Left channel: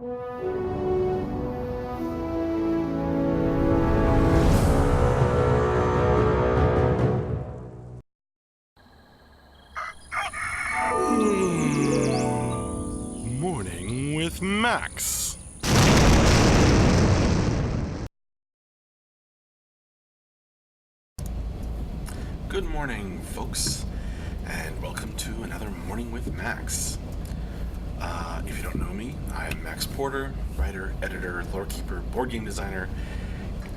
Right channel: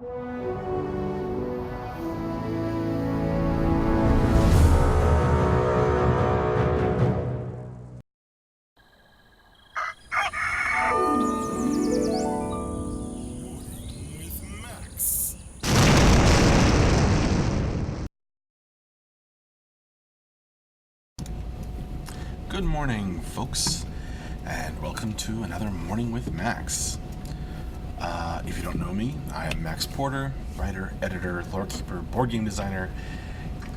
Morning with Max. Good morning, folks, and welcome to another Morning with Max. If you don't know me, I am Max Porter, writer, editor, lore keeper, board game designer,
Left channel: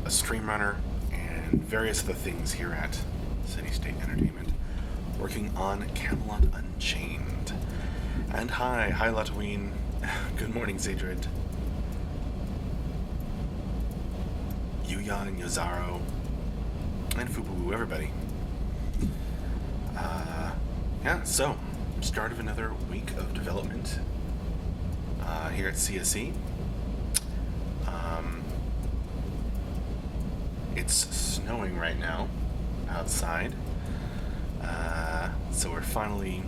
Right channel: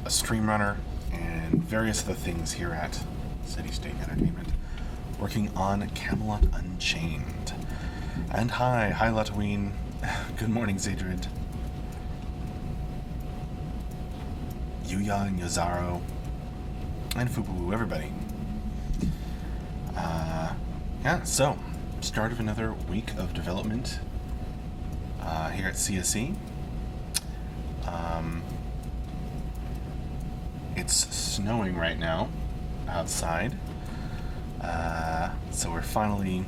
a stream runner, and various other things here at City State Entertainment, working on Camelot Unchained. And hi Latween. Good morning, Zadrid. Yuya and Yazaro, and Fubu, everybody. So, start of another week of development here at CSE. It's snowing right now outside, so we're finally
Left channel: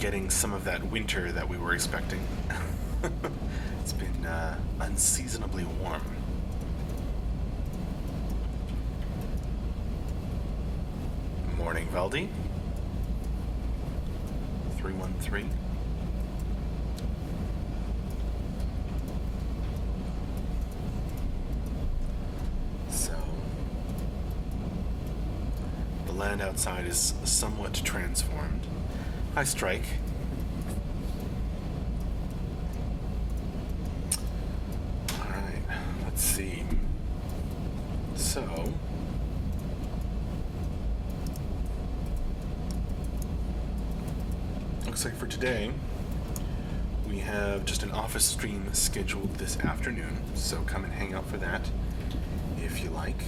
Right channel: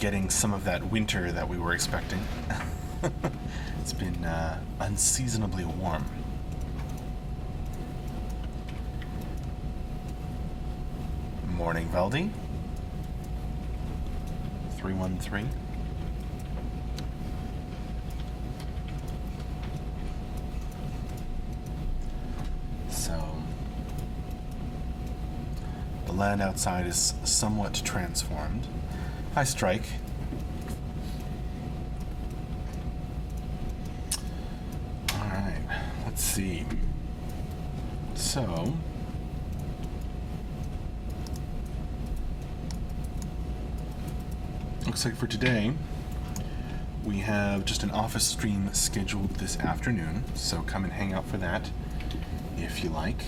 getting some of that winter that we were expecting. It's been unseasonably warm. Morning, Valdi. 313. So, the land outside is somewhat transformed. Hi, Strike. Alright, let's see. So, looks like for today, we have just an office stream scheduled this afternoon, so come and hang out for that if you like.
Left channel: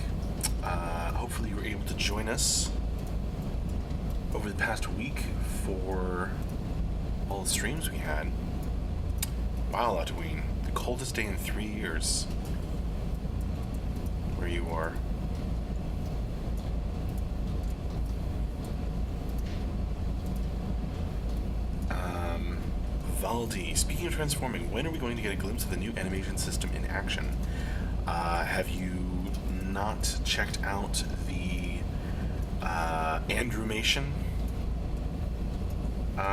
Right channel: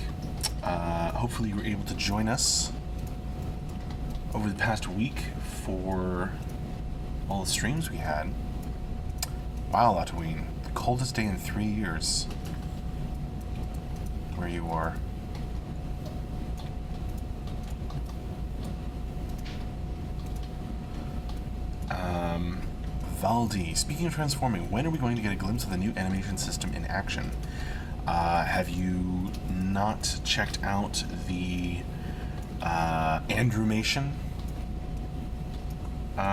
Hopefully you were able to join us over the past week for all the streams we had. Wow, Latween, the coldest day in 3 years where you are. Valdi, speaking of transforming, when are we going to get a glimpse of the new animation system in action? Have you not checked out the Andrewmation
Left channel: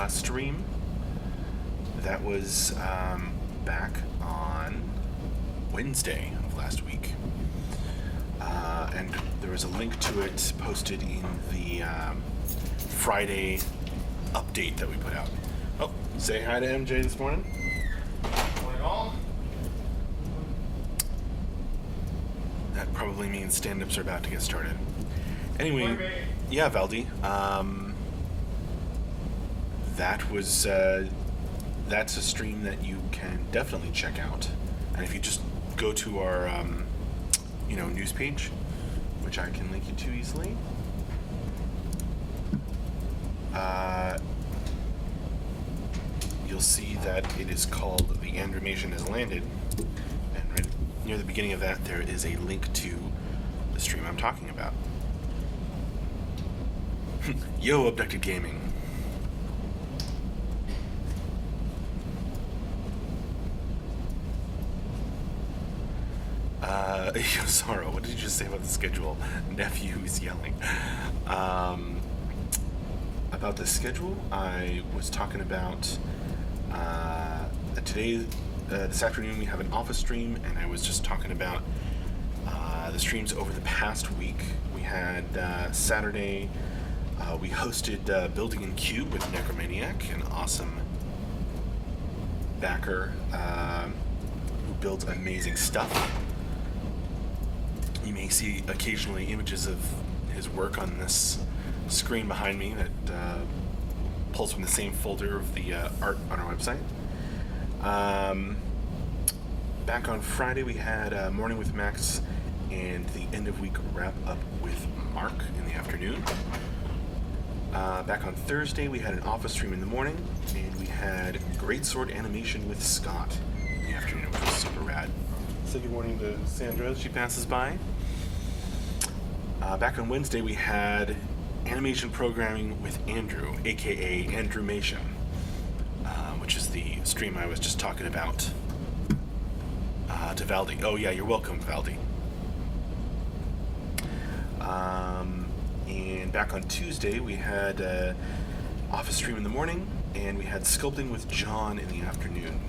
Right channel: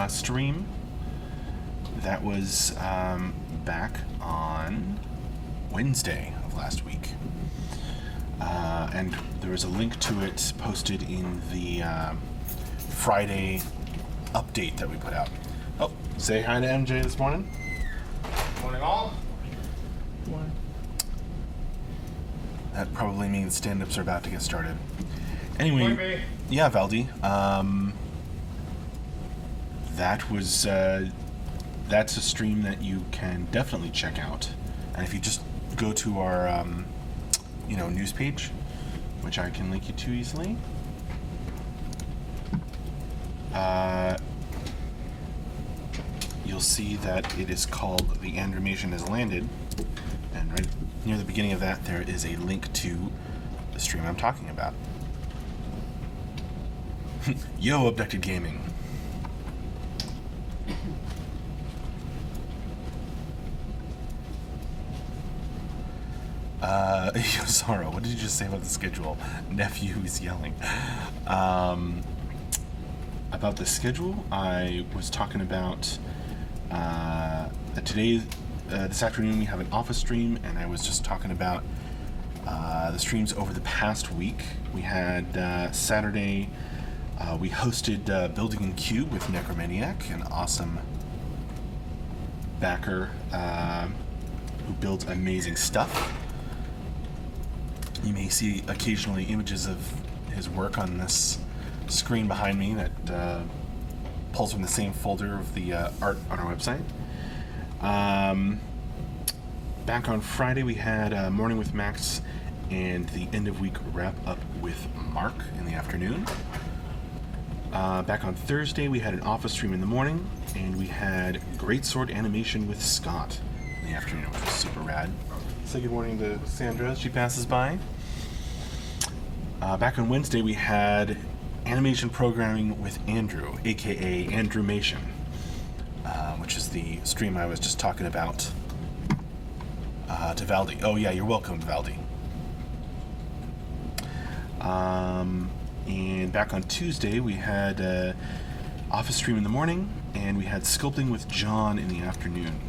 stream? That was back on Wednesday of last week. And there was a link to it posted in the Friday update that we put out. Oh, say hi to MJ this morning. Morning all. Morning. That probably means stand-ups are about to get started. Anyway, yeah, Valdi. That was that's a stream that you can definitely check out. And if you just go to our news page, which I can link you to easily. You'll see that it is called The Andrewmation Has Landed, and right near the beginning of that there is a link to the stream I'm talking about. Yo, Abducted Gaming. Sorrow, what did you just say about the schedule? Nephew is yelling. About the schedule, I was talking about today, this afternoon, we have an office stream, and I was just talking about the streams over the past week. We had Saturday, we hosted Building in Cube with Necromaniac, an awesome backer who builds amazing stuff. You may see occasionally images of his work on this screen behind me that pulls from the same folder of the art on our website. Back on Friday we had Morning with Max and the end of week wrap up with Mark in the afternoon. Back on Thursday we had an office stream in the morning, and we had Greatsword animation with Scott in the afternoon, which was super rad. Say good morning to Sandra as she passes by. Back on Wednesday we had animation programming with Andrew, aka Andrewmation, which is the stream I was just talking about to Valdi. Oh yeah, you're welcome, Valdi. And back on Tuesday, we had office stream in the morning, and we had sculpting with John in the afternoon,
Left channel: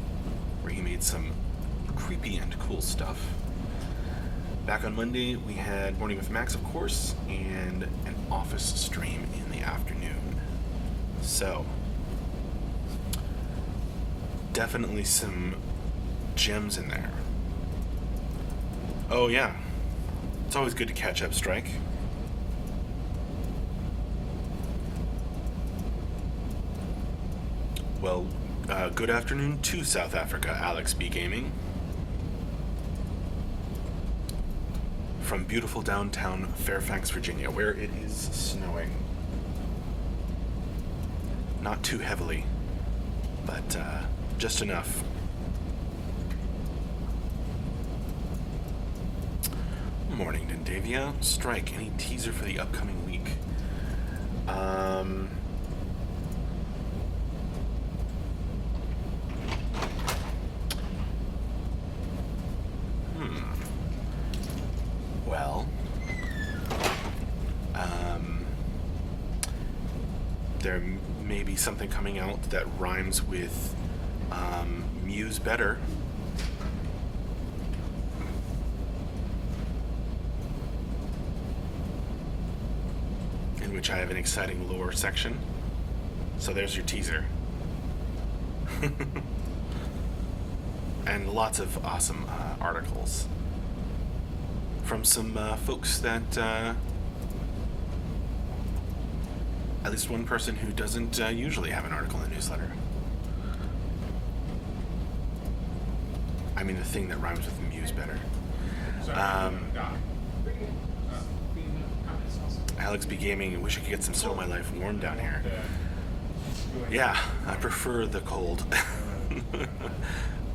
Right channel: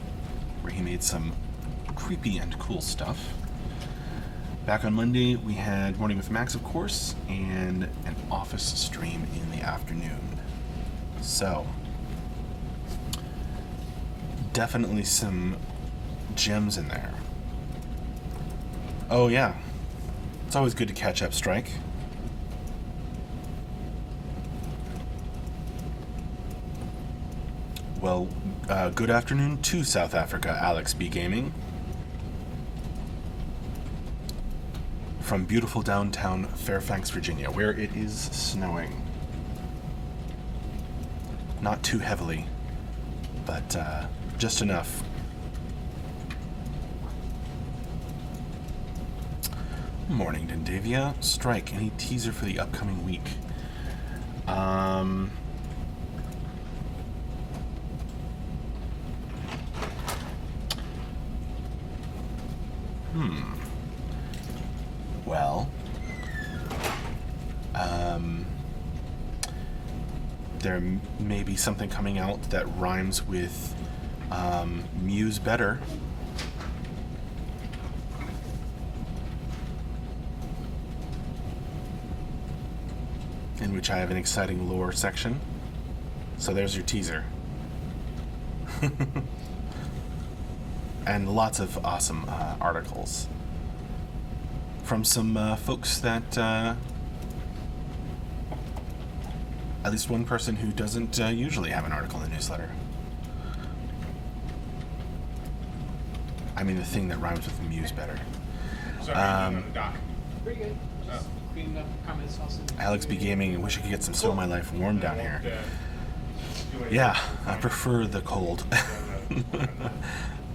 where he made some creepy and cool stuff. Back on Monday, we had Morning with Max, of course, and an office stream in the afternoon. So, definitely some gems in there. Oh yeah, it's always good to catch up, Strike. Well, good afternoon to South Africa, Alex B. Gaming. From beautiful downtown Fairfax, Virginia, where it is snowing. Not too heavily, but just enough. Morning, Nandavia. Strike, any teaser for the upcoming week? Well, there may be something coming out that rhymes with Muse better. In which I have an exciting lore section. So there's your teaser. And lots of awesome articles from some folks that at least one person who doesn't usually have an article in the newsletter. I mean the thing that rhymes with Muse better. Alex B. Gaming, I wish I could get some snow in my life warm down here. Yeah, I prefer the cold.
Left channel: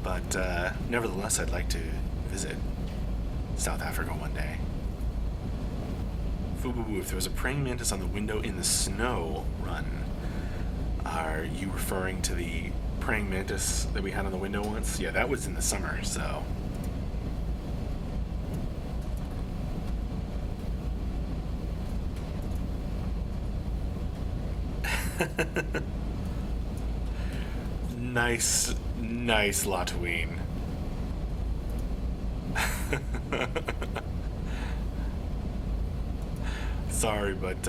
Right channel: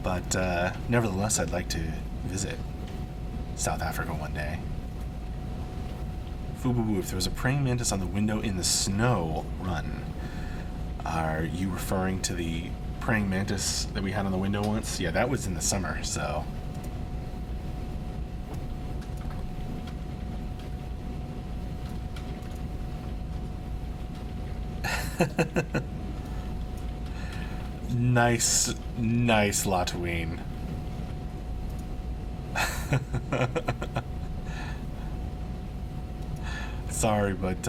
But nevertheless, I'd like to visit South Africa one day. Fubu, if there was a praying mantis on the window in the snow, run. Are you referring to the praying mantis that we had on the window once? Yeah, that was in the summer, so... Nice Latween. Sorry, but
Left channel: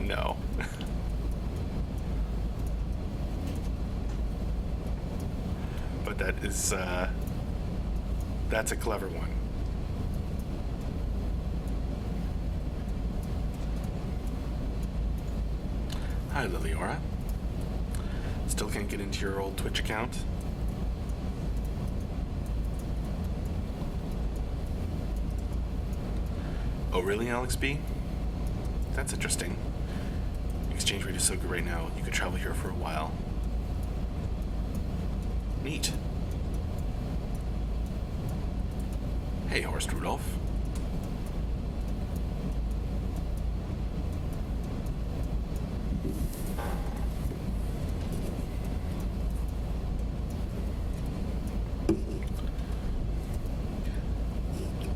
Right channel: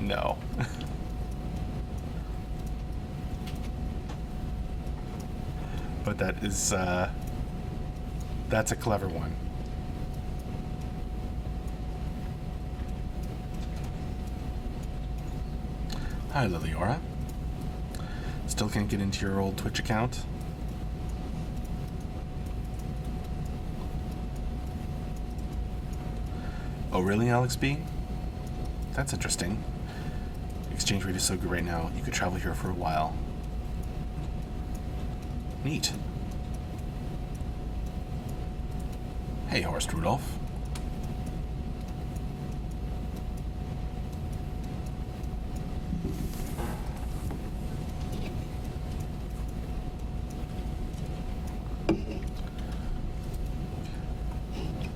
no. But that is that's a clever one. Hi, Liliora. Still can't get into your old Twitch account? Oh, really, Alex B? That's interesting. Exchange rate is so good right now, you could travel here for a while. Neat. Hey, Horst Rudolph.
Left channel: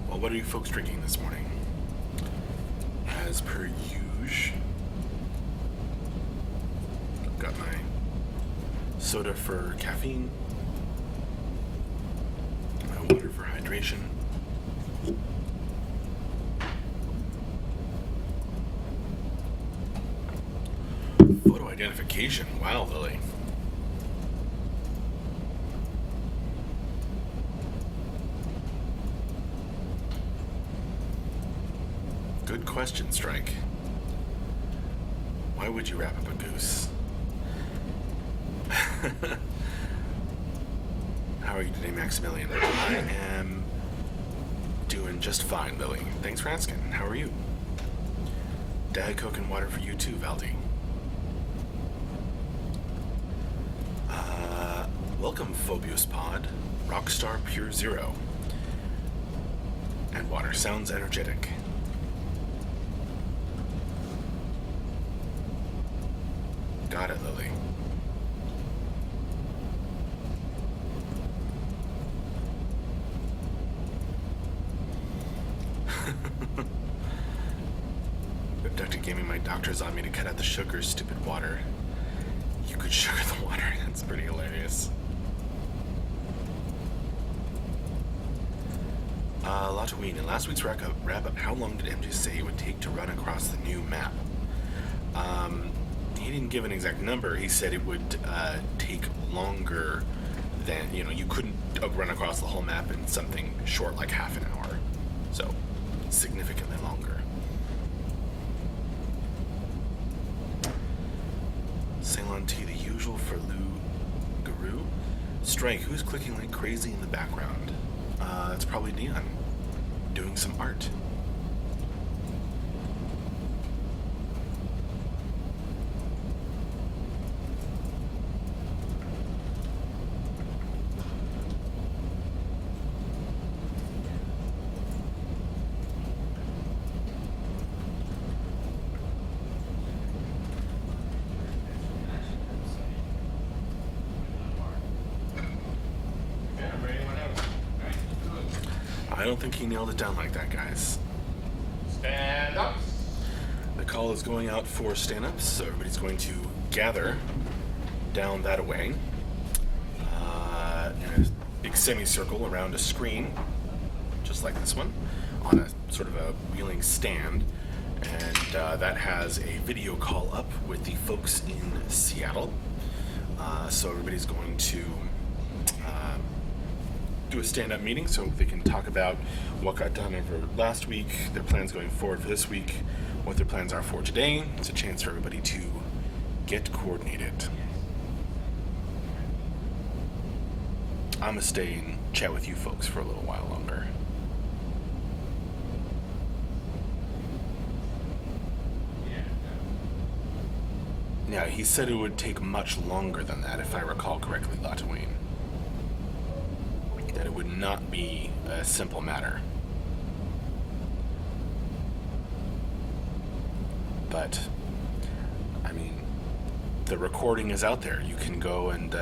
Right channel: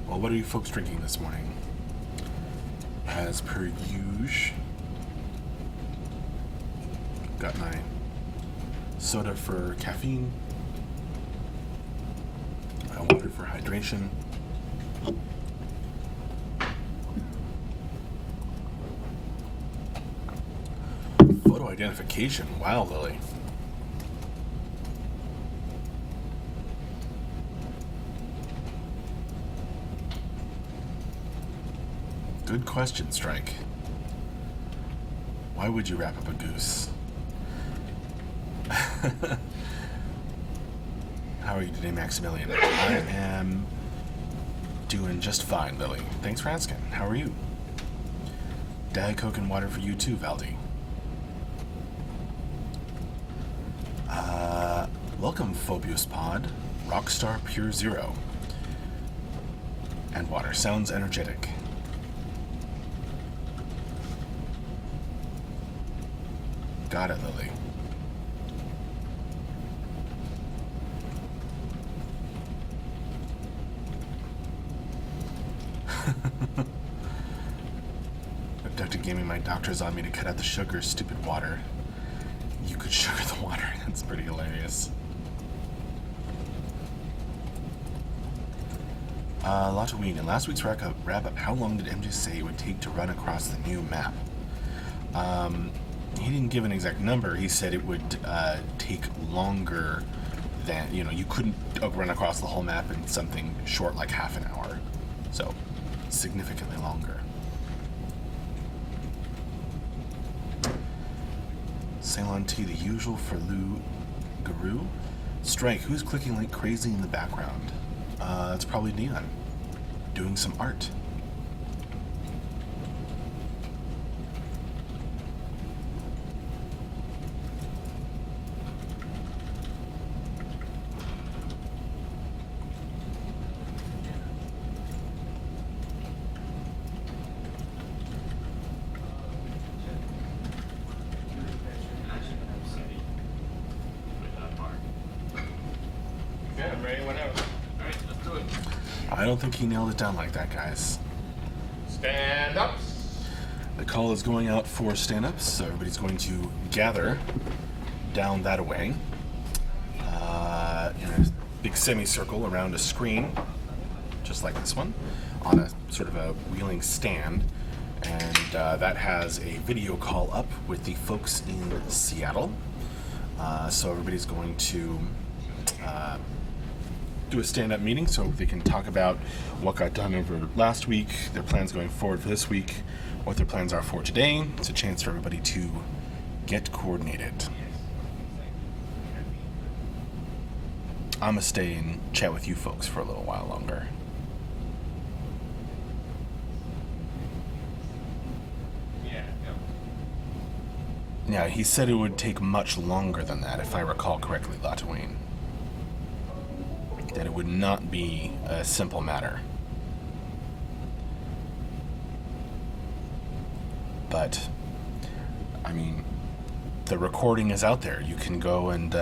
Well, what are you folks drinking this morning? As per usual, got my soda for caffeine, my water for hydration. Photo identification. Wow, Lily. Good question, Strike. Why would you wrap up a goose? How are you today, Maximilian? I am doing just fine, Lily. Thanks for asking. How are you? Diet Coke and water for you too, Valdi. Welcome, Phobius Pod. Rockstar Pure Zero. And water sounds energetic. Got it, Lily. my doctor's on me to cut out the sugar, stupid water. You could sugar the water. That's pretty hilarious. Lataween, in last week's wrap up, how long did MJ say it would take to run across the new map? He didn't give an exact number. He said it would take longer than, you couldn't run across the whole map in something short like half an hour. So, significantly longer. Ceylon T, the usual for Lou Guru. Strike, who's clicking like crazy in the background? It's probably Neon, doing some art. I don't think he nailed it down like that, guys. Stand up. The call is going out for stand-ups, so everybody's going to gather down that way in a big semicircle around a screen, just like this one, on a sort of a wheeling stand, and that has a video call up with the folks in Seattle. So everybody's going to do a stand-up meeting so they can talk about what got done over last week, their plans going forward for this week, what their plans are for today. It's a chance for everybody to get coordinated. I'm gonna stay and chat with you folks for a little while longer. Yeah, he said it would take much longer than that, if I recall correctly, Lataween. That it would not be a simple matter. But, I mean, the recording is out there. You can go and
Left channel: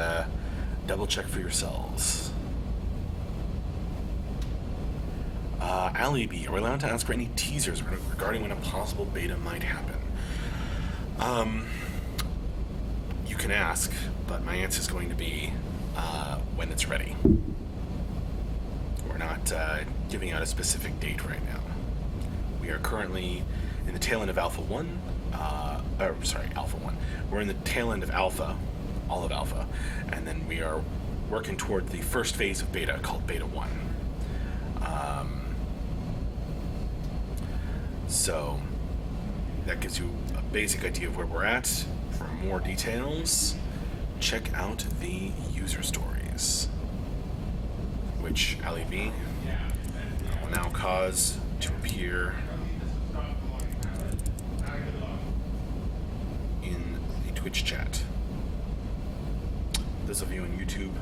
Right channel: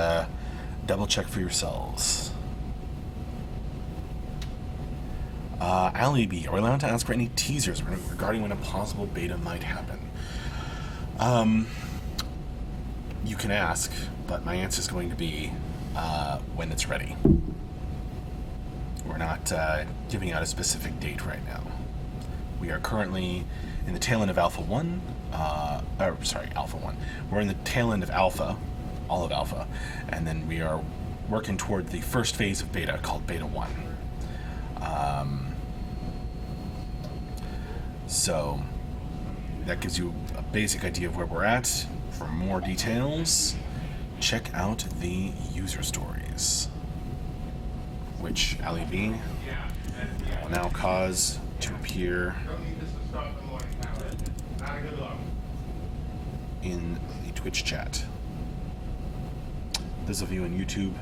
double check for yourselves. Ali B, are we allowed to ask for any teasers regarding when a possible beta might happen? You can ask, but my answer is going to be when it's ready. We're not giving out a specific date right now. We are currently in the tail end of Alpha 1. Alpha 1. We're in the tail end of Alpha, all of Alpha, and then we are working toward the first phase of Beta, called Beta 1. So that gives you a basic idea of where we're at. For more details, check out the user stories, which Ali B will now cause to appear in the Twitch chat. Those of you on YouTube,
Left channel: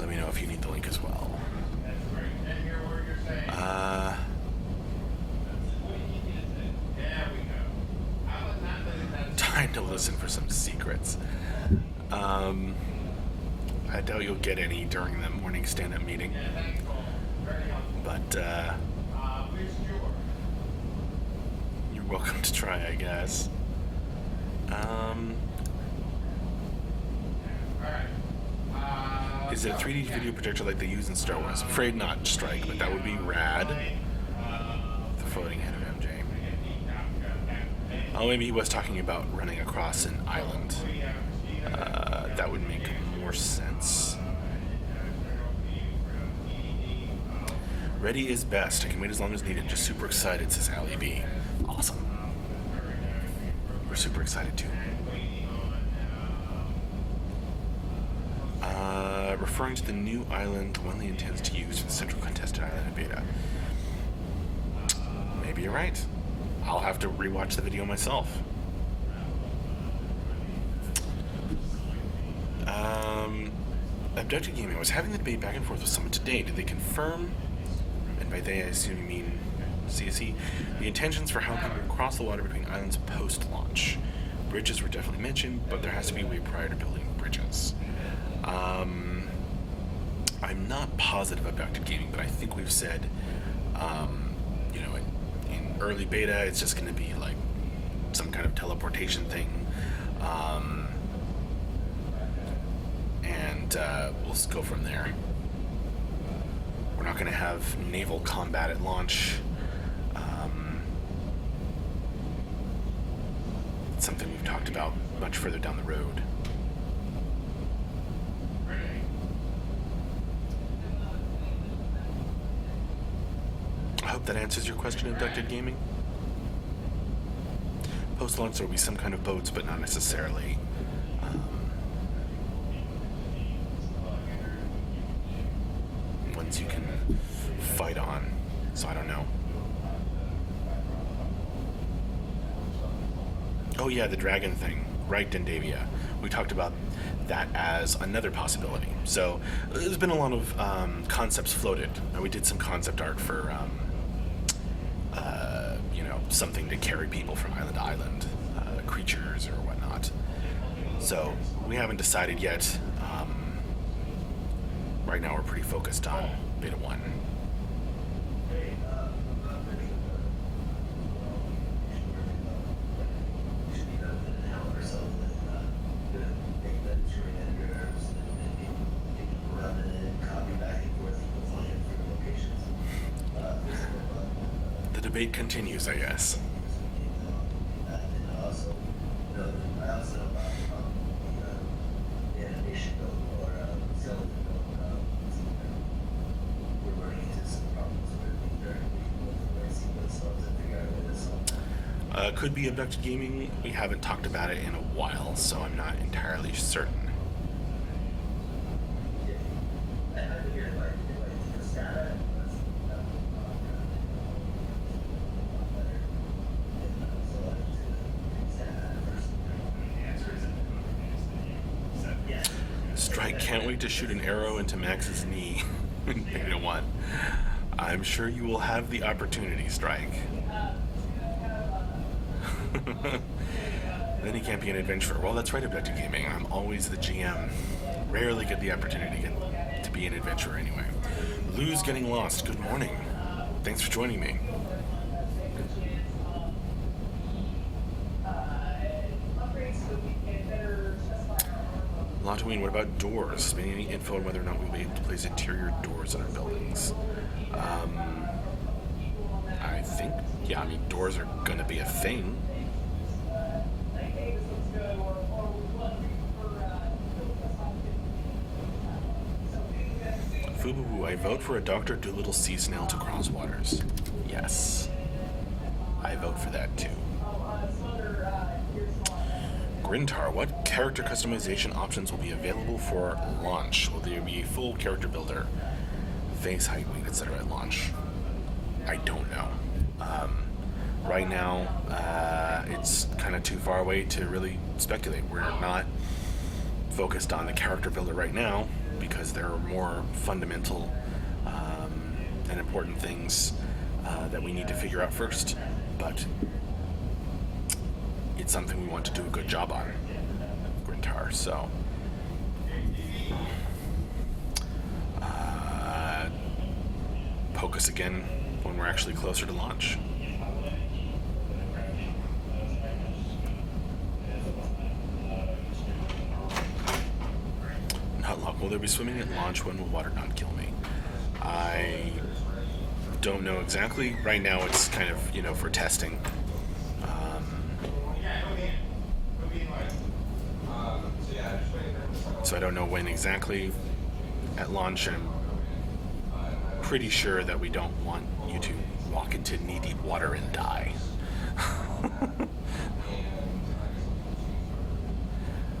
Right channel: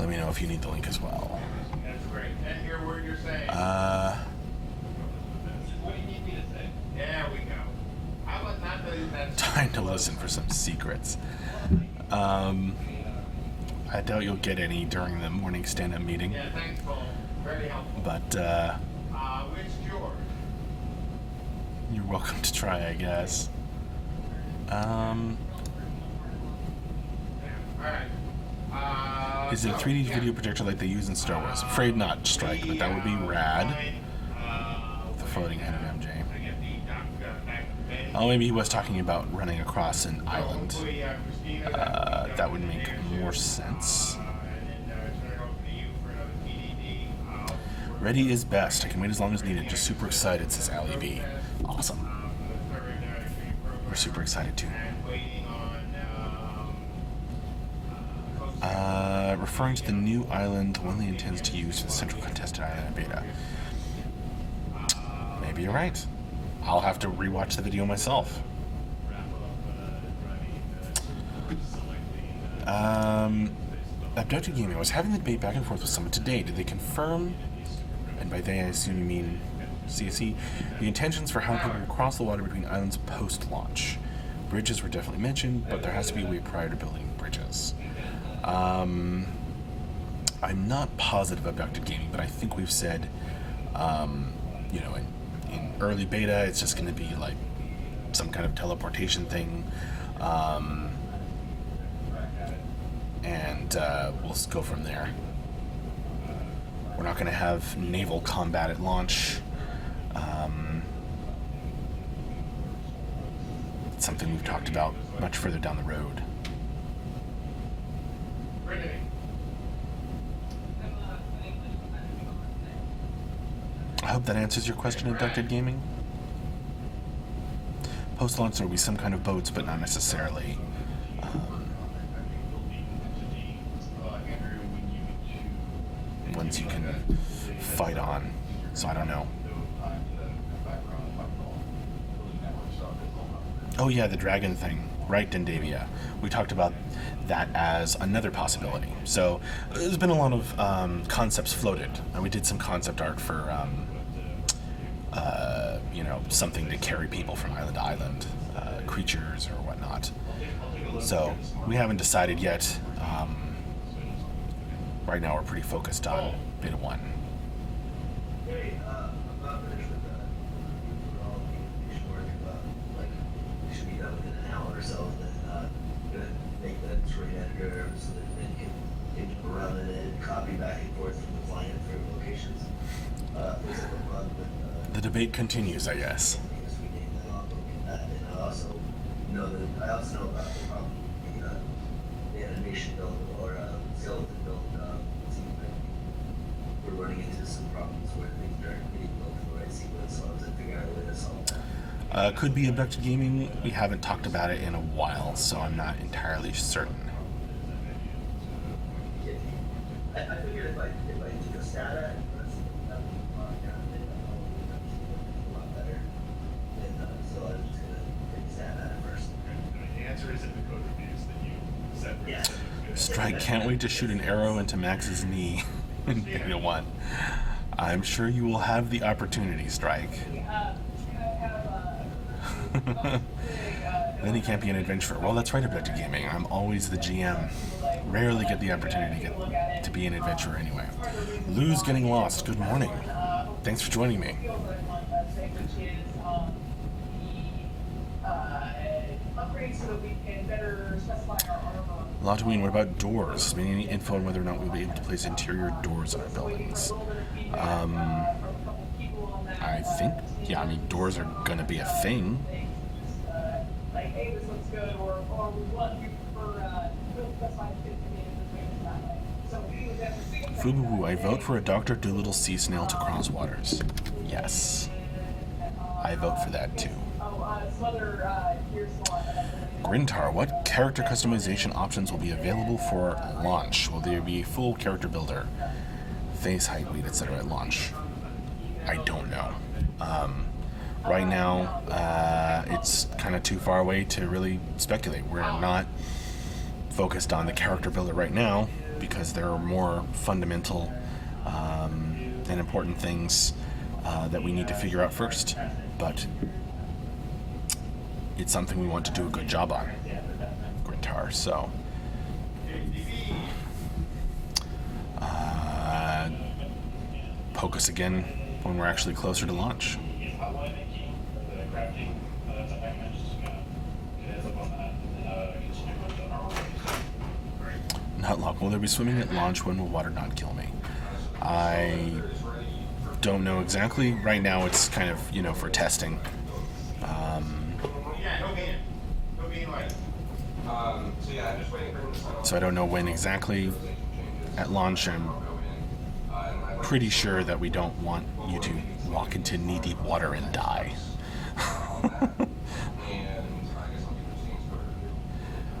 let me know if you need the link as well. That's great. And hear what you're saying. What do you need to say? There we go. How about not that? Time to listen for some secrets. I doubt you'll get any during the morning stand-up meeting. Yeah, thanks, Paul. Very helpful. But Which yours? you're welcome to try, I guess. Is it a 3D video projector like they use in Star Wars? Afraid not, Strike, but that would be rad. The floating head of MJ. Oh, maybe he was talking about running across an island. That would make more sense. Ready is best. I can wait as long as needed. Just super excited, says Ali B. Awesome. We're super excited too. Referring to the new island Winley intends to use for the central contest beta. Maybe you're right. I'll have to rewatch the video myself. Abducted Gaming was having the debate back and forth with someone today. Did they confirm, and by they I assume you mean CSE, the intentions for how people cross the water between islands post-launch? Bridges were definitely mentioned, but there has to be a way prior to building bridges. I'm not positive about Abducted Gaming, but I think we've said, in early beta. It's just going to be like some kind of teleportation thing. And we'll just go from there. We're not going to have naval combat at launch. It's something we've talked about much further down the road. I hope that answers your question, Abducted Gaming. Post-launch there will be some kind of boats, but not necessarily ones you can fight on. So I don't know. Oh yeah, the dragon thing. Right, Dendavia. We talked about that as another possibility. So there's been a lot of concepts floated. And we did some concept art for something to carry people from island to island, creatures or whatnot. So we haven't decided yet. Right now we're pretty focused on beta 1. The debate continues, I guess. Could be Abducted Gaming. We haven't talked about it in a while, so I'm not entirely certain. Strike can't wait to shoot an arrow into Max's knee in Beta 1. I'm sure you will have the opportunity, Strike. Then he can't be an adventurer. Well, that's right, Abducted Gaming. I'm always the GM. Rarely get the opportunity to be an adventurer anyway. Lou's getting lost. Good morning. Thanks for joining me. Latween, what about doors? Any info on whether or not we'll be able to place interior doors on buildings? I think, yeah, I mean, doors are going to be a thing. Fubu, I vote for a Dr. Dolittle sea snail to cross waters. Yes. I vote for that too. Grintar, what character customization options will be available for launch? Will there be a full character builder, face height, weight, etc. at launch? I don't know. Right now, it's kind of too far away to really speculate. We're not focused on the character builder right now because there are more fundamental and important things that we need to figure out first. But it's something we want to do a good job on, Grintar. So, poke us again when we're actually closer to launch. Not long. Will there be swimming at launch? When will water not kill me? I don't know exactly. Right now it's kind of, for testing. So I don't know when exactly at launch. I'm pretty sure that we don't want you to walk into knee-deep water and die.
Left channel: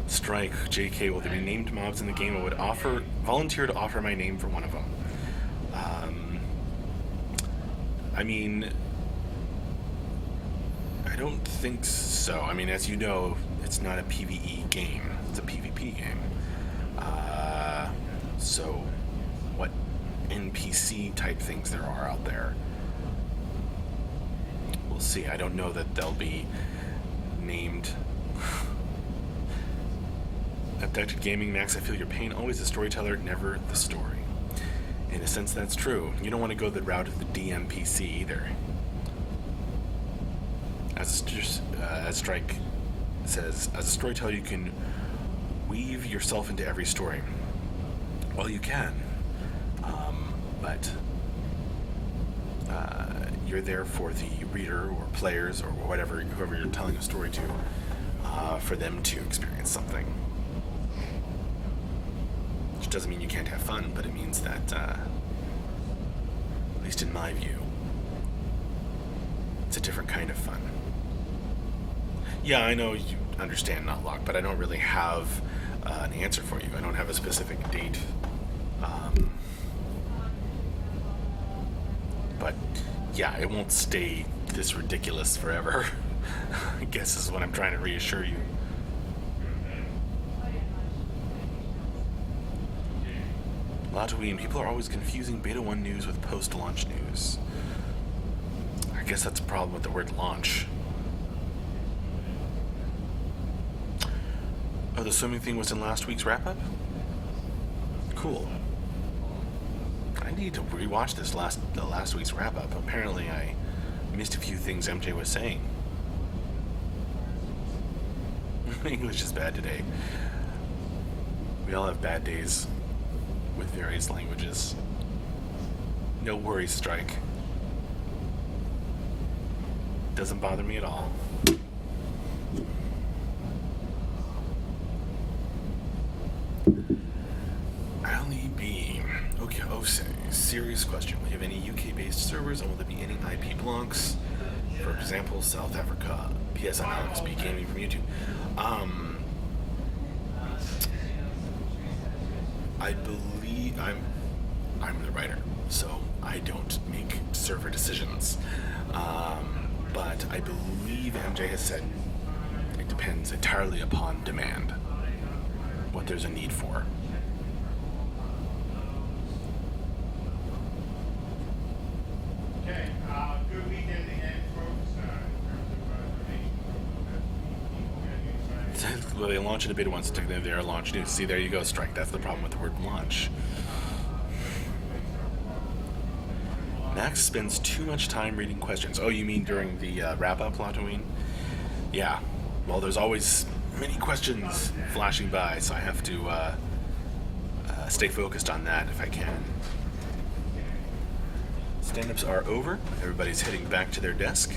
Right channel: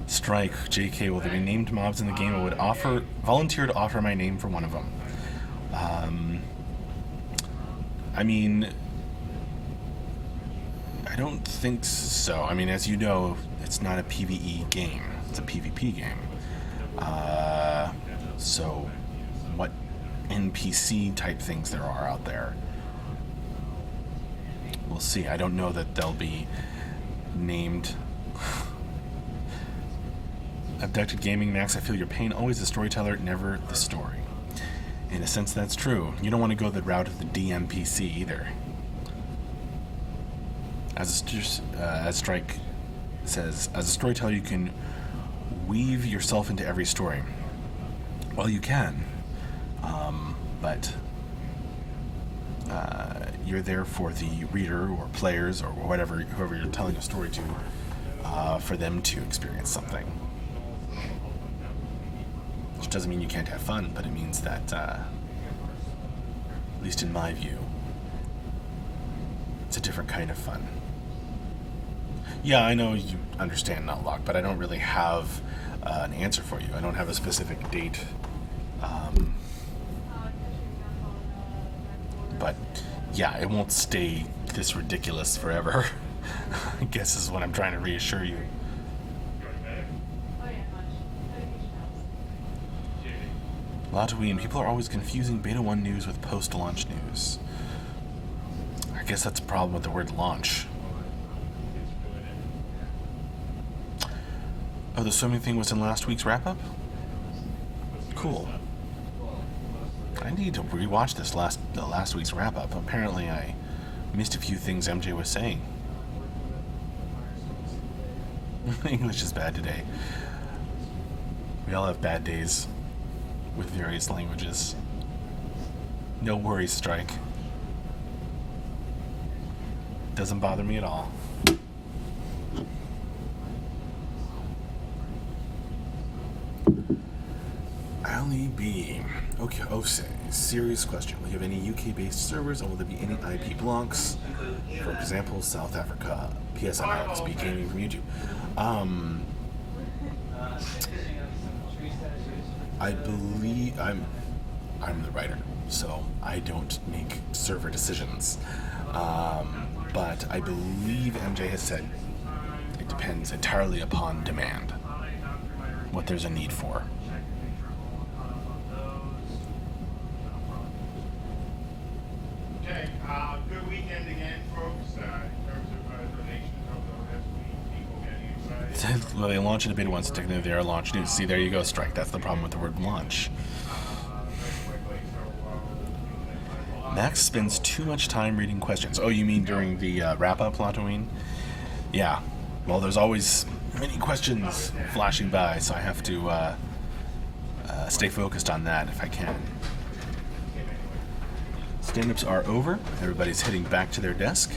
Strike, JK, will there be named mobs in the game? I would volunteer to offer my name for one of them. I mean, I don't think so. I mean, as you know, it's not a PvE game. It's a PvP game. So what NPC type things there are out there? We'll see. I don't know that they'll be named. Abducted Gaming, Max, I feel your pain. Always the storyteller, never the story. In a sense, that's true. You don't want to go the route of the DMPC either. as Strike says, as a storyteller, you can weave yourself into every story. Well, you can, but you're there for the reader or players or whoever you're telling a story to, for them to experience something. Which doesn't mean you can't have fun, but it means that, at least in my view, it's a different kind of fun. Yeah, I know you understand not locked, but I don't really have an answer for you. I don't have a specific date. But yeah, it won't stay this ridiculous forever. I guess is what I'm trying to reassure you. Latween, people are always confusing Beta 1 news with post-launch news. I guess that's a problem with the word launch. Oh, the swimming thing was in last week's wrap-up? Cool. I need to rewatch the last week's wrap-up. Apparently I missed a few things MJ was saying. English is bad today. We all have bad days with various languages. No worries, Strike. Doesn't bother me at all. Ali B. Okay, serious question. Will you have any UK-based servers, and will there be any IP blocks? For example, South Africa. PS, I'm Alex B. Gaming from YouTube. I believe I'm the writer, so I don't make server decisions. But I believe MJ has said it depends entirely upon demand, what there's a need for. Okay, good weekend again, folks. In terms of donations of people getting excited. Well, they launch it a bit once, technically they are launch news. See, there you go, Strike. That's the problem with the word launch. Max spends too much time reading questions. Oh, you mean during the wrap-up, Latween? Yeah. Well, there's always many questions flashing by, so I have to stay focused on that if I can. Stand-ups are over. Everybody's heading back to their desk.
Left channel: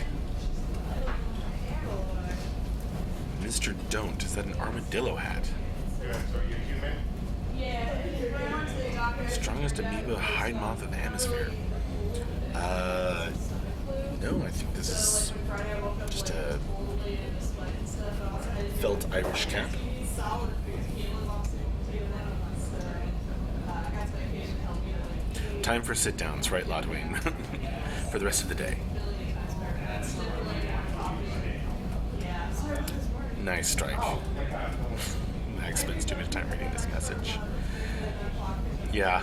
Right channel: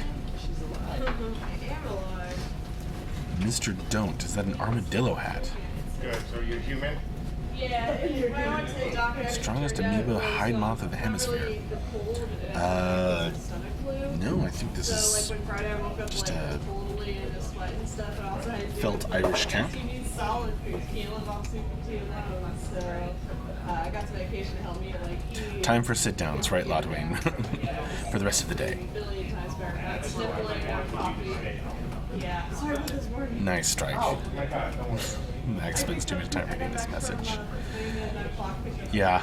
Mr. Don't, is that an armadillo hat? Good, so you human? Yeah, Strongest amoeba hide moth of the hemisphere. No, I think this is just a felt Irish cap. Time for sit-downs, right, Latween? For the rest of the day. Nice Strike. Max spends too much time reading this message. Yeah.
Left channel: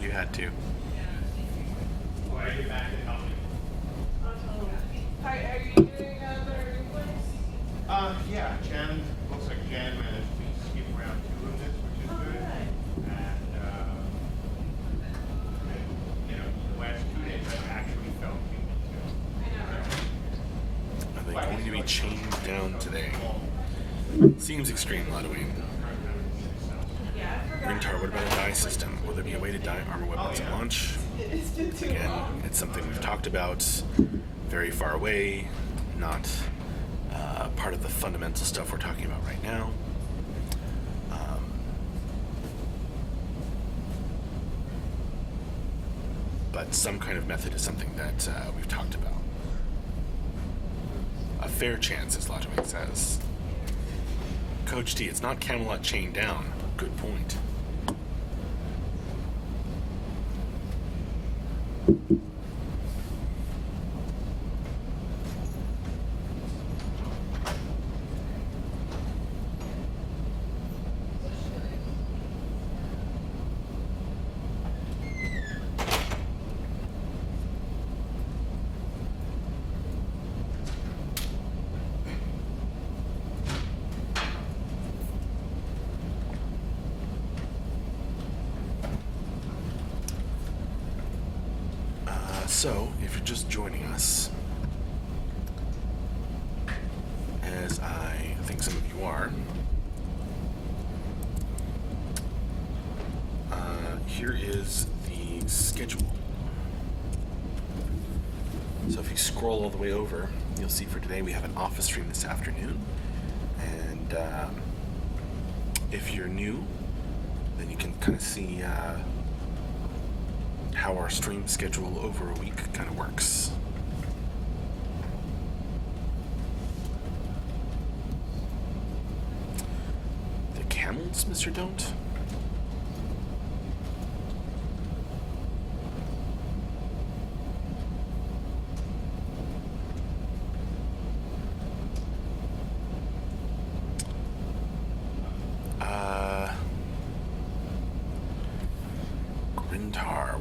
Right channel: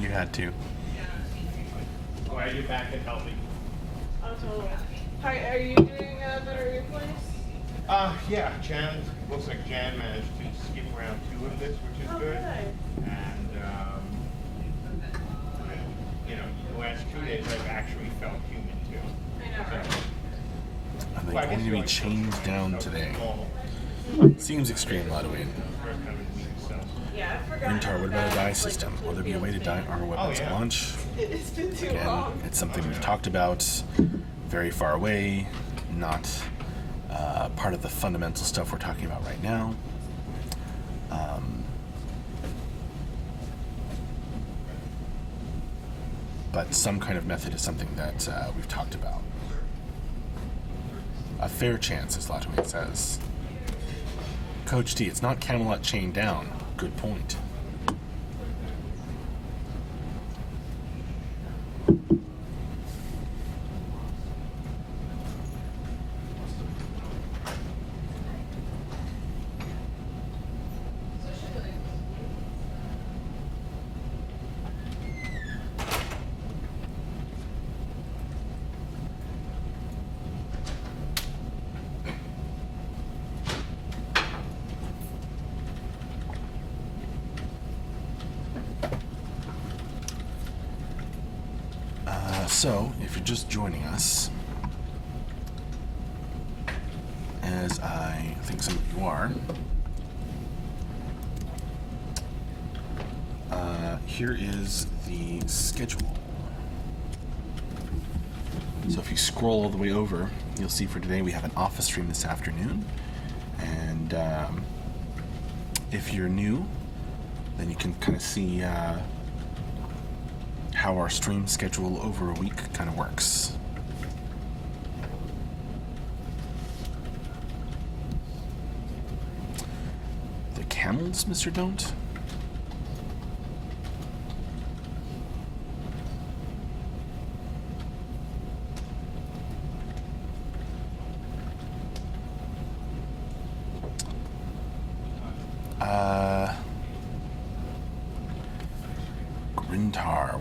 You had to. Why are you back and help me? Are you doing a better replays? Yeah, Jen, looks like Jen managed to keep around 2 of it, which is good. And, the last 2 days I've actually felt human too. Are they going to be chained down today? Seems extreme, Latween. Ringtar, what about a die system? Will there be a way to die armor weapons at launch? It's been too Again, long. it's something we've talked about, very far away, not part of the fundamental stuff we're talking about right now. But some kind of method is something that we've talked about. A fair chance, as Latween says. Coach T, it's not Camelot chained down. Good point. So, if you're just joining us, as I think some of you are, here is the schedule. So if you scroll all the way over, you'll see for today we have an office stream this afternoon. And if you're new, then you can kind of see how our stream schedule over a week kind of works. The camels, Mr. Don't?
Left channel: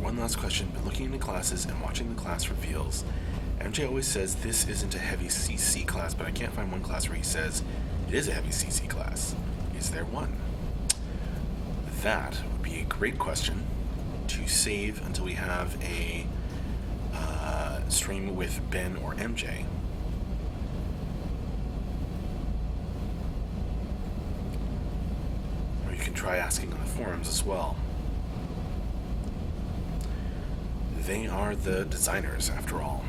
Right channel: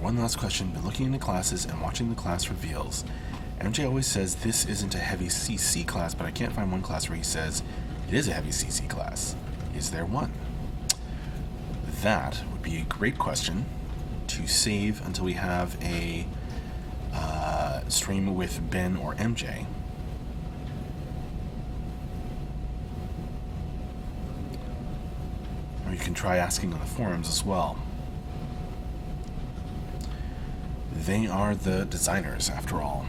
One last question, but looking into classes and watching the class reveals, MJ always says this isn't a heavy CC class, but I can't find one class where he says it is a heavy CC class. Is there one? That would be a great question to save until we have a stream with Ben or MJ. Or you can try asking on the forums as well. They are the designers, after all.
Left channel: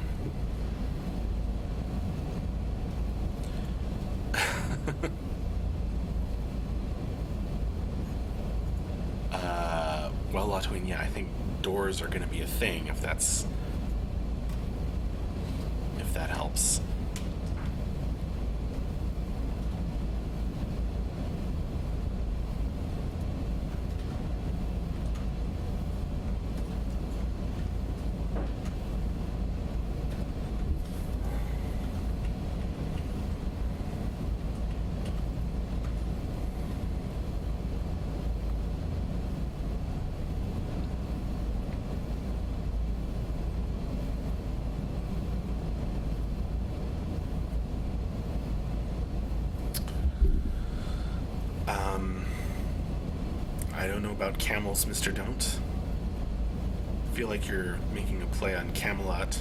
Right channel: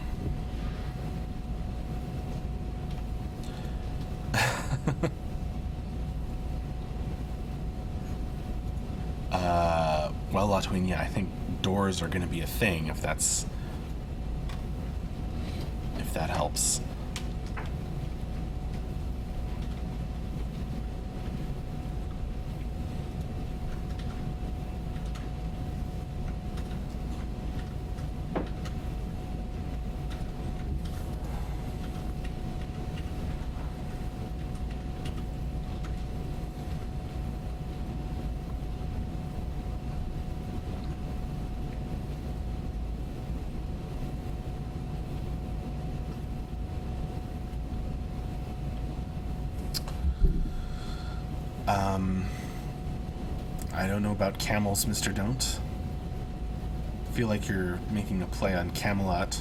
Well, Latwin, yeah, I think doors are going to be a thing if that helps. I don't know about camels, Mr. Don't. I feel like you're making a play on Camelot.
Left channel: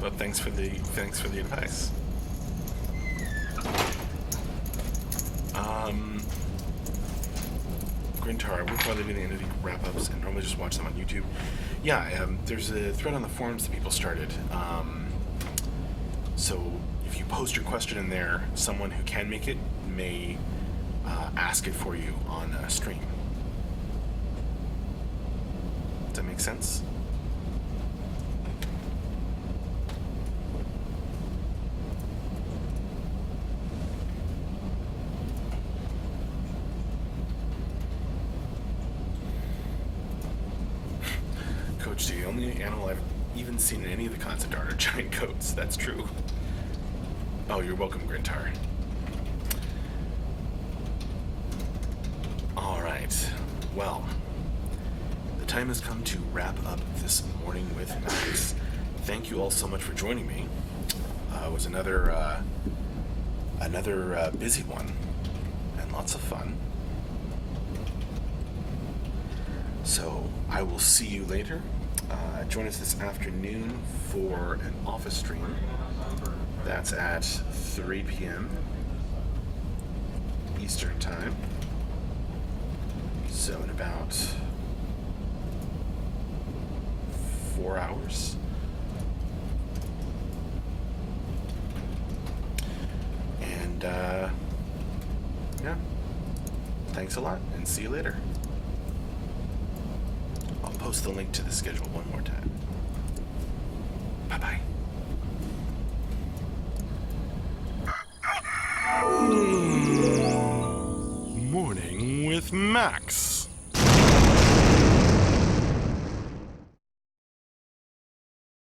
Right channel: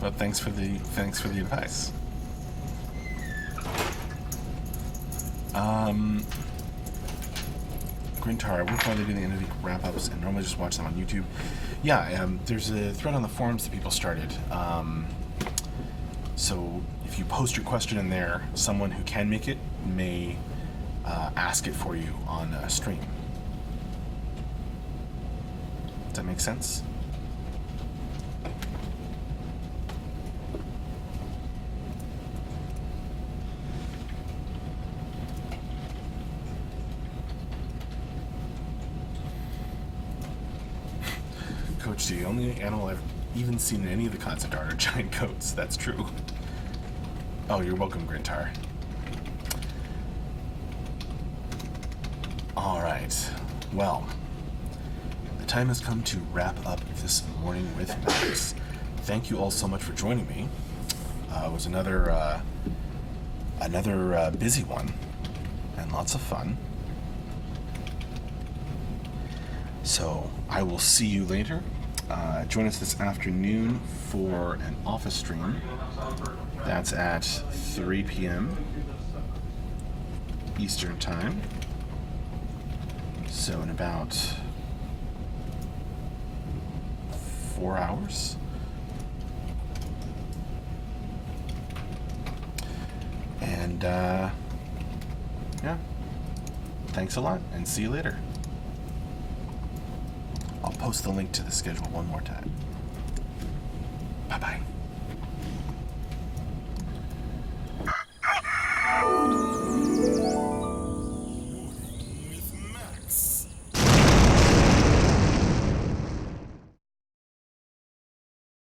But thanks for the advice. Grintar, we're probably going to wrap-ups and normally just watch them on YouTube. Yeah, there's a thread on the forums that people started. So if you post your question in there, someone who can make it may ask it for you on stream. Does that make sense? Coach, the only animal I've even seen in any of the concept art are giant goats. That's true. Oh, you're welcome, Grintar. Alright. Well, the time has come to wrap up this morning with Max. Thank you all so much for joining me. It was another busy one and lots of fun. So I will see you later. Join us this afternoon for an office stream. That's at 3 p.m. Eastern Time. So in about 4 hours. And yeah, thanks a lot and see you later. I'll post the link to the schedule one more time. Bye-bye. Morning with Max.